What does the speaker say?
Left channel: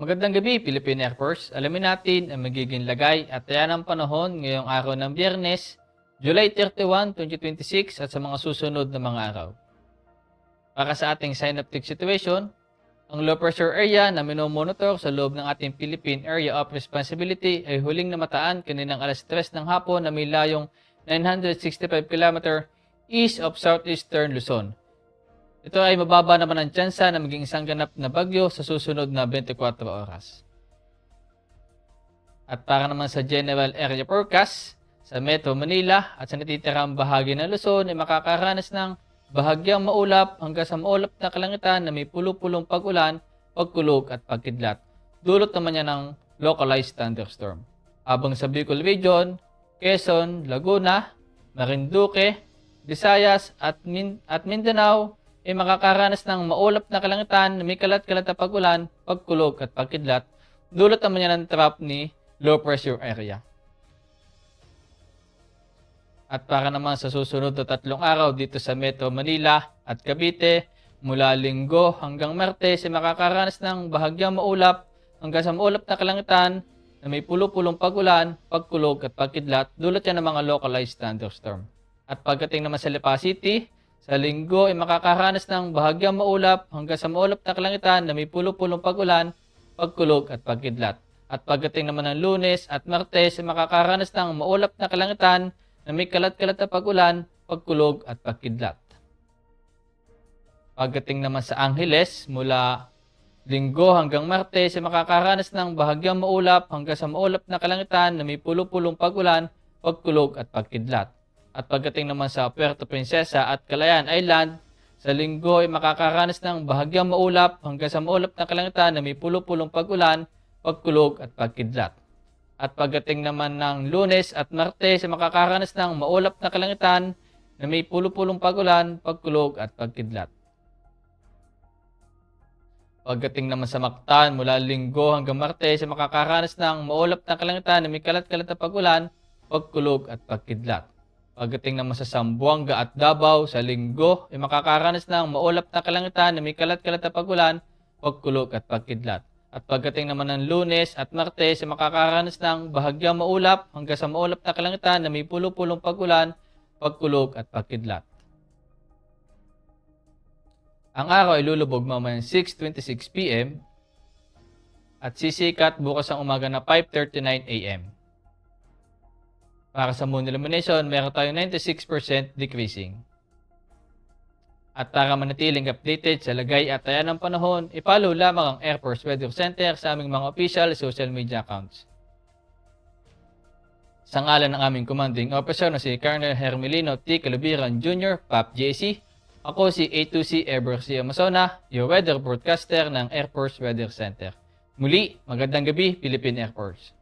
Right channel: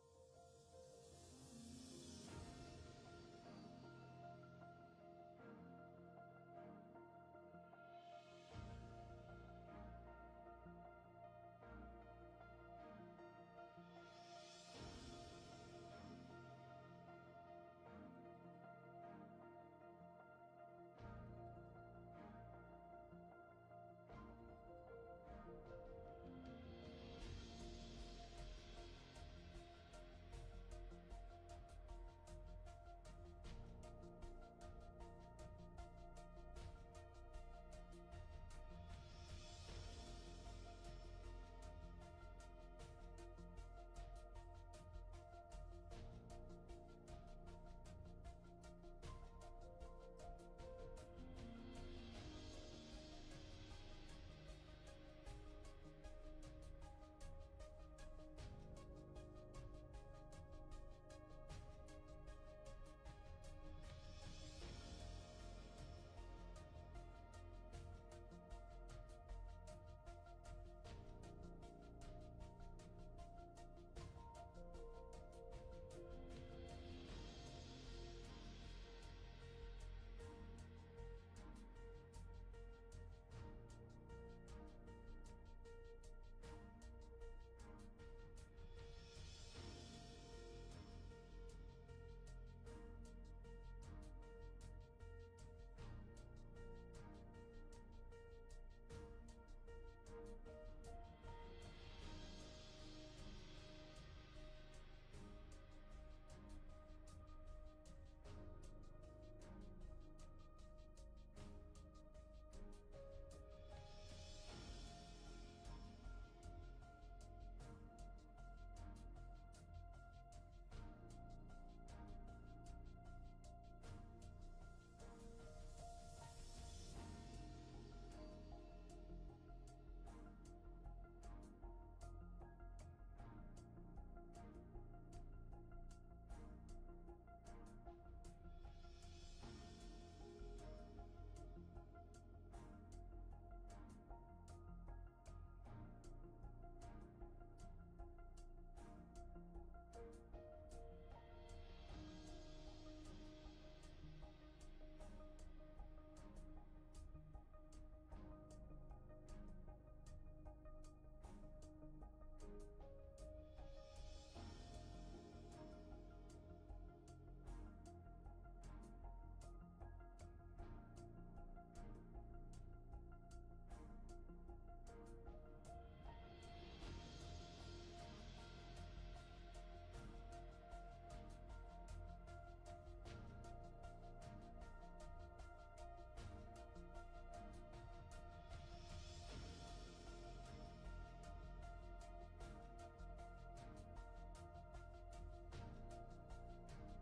Magandang gabi, Philippine Air Force. Alamin natin ang magiging lagay at taya ng panahon ngayong araw ng Biyernes, July 31, 2026 at sa mga susunod na mga araw. Para sa ating synoptic situation, ang low pressure area na minomonitor sa loob ng ating Philippine Area of Responsibility ay huling namataan kaninang alas 3 ng hapon na may layong 965 km east of southeastern Luzon. Ito ay mababa naman ang tsansa na maging isang ganap na bagyo sa susunod na 24 oras. At para naman sa General Area Forecast, sa Metro Manila at sa natitirang bahagi ng Luzon ay makakaranas ng bahagyang maulap hanggang sa maulap na kalangitan na may pulo-pulong pag-ulan, pagkulog at pagkidlat. Dulot naman niya ng localized thunderstorm. Habang sa Bicol Region, Quezon, Laguna, Marinduque, Visayas at Mindanao ay makakaranas ng maulap na kalangitan na may kalat-kalat na pag-ulan, pagkulog at pagkidlat. Dulot naman niya ng trap ni low pressure area. At para naman sa susunod na 3 araw dito sa Metro Manila at Cavite, mula Linggo hanggang Martes ay makakaranas ng bahagyang maulap hanggang sa maulap na kalangitan na may pulo-pulong pag-ulan, pagkulog at pagkidlat. Dulot yan ng mga localized thunderstorm. At pagdating naman sa Lipa City, sa Linggo ay makakaranas ng bahagyang maulap hanggang sa maulap na kalangitan na may pulo-pulong pag-ulan, pagkulog at pagkidlat. At pagdating naman ng Lunes at Martes ay makakaranas ng maulap na kalangitan na may kalat-kalat na pag-ulan, pagkulog at pagkidlat. Pagdating naman sa Angeles, mula Linggo hanggang Martes ay makakaranas ng bahagyang maulap hanggang sa maulap na kalangitan na may pulo-pulong pag-ulan, pagkulog at pagkidlat. At pagdating naman sa Puerto Princesa at Calayan Island, sa Linggo ay makakaranas ng bahagyang maulap hanggang sa maulap na kalangitan na may pulo-pulong pag-ulan, pagkulog at pagkidlat. At pagdating naman ng Lunes at Martes ay makakaranas ng maulap na kalangitan na may pulo-pulong pag-ulan, pagkulog at pagkidlat. Pagdating naman sa Mactan, mula Linggo hanggang Martes ay makakaranas ng maulap na kalangitan na may kalat-kalat na pag-ulan, pagkulog at pagkidlat. Pagdating naman sa Zamboanga at Davao, sa Linggo ay makakaranas ng maulap na kalangitan na may kalat-kalat na pag-ulan, pagkulog at pagkidlat. At pagdating naman ng Lunes at Martes ay makakaranas ng bahagyang maulap hanggang sa maulap na kalangitan na may pulo-pulong pag-ulan, pagkulog at pagkidlat. Ang araw ay lulubog mamayang 6:26 p.m. at sisikat bukas ang umaga na 5:39 a.m. Para sa moon illumination, meron tayong 96% decreasing. At para manatiling updated sa lagay at taya ng panahon, i-follow lamang ang Air Force Weather Center sa aming mga official social media accounts. Sa ngalan ng aming commanding officer na si Colonel Hermelino T. Calubiran Jr., PAP JC, ako si A2C Ever C. Amazona, your weather broadcaster ng Air Force Weather Center. Muli, magandang gabi, Philippine Air Force.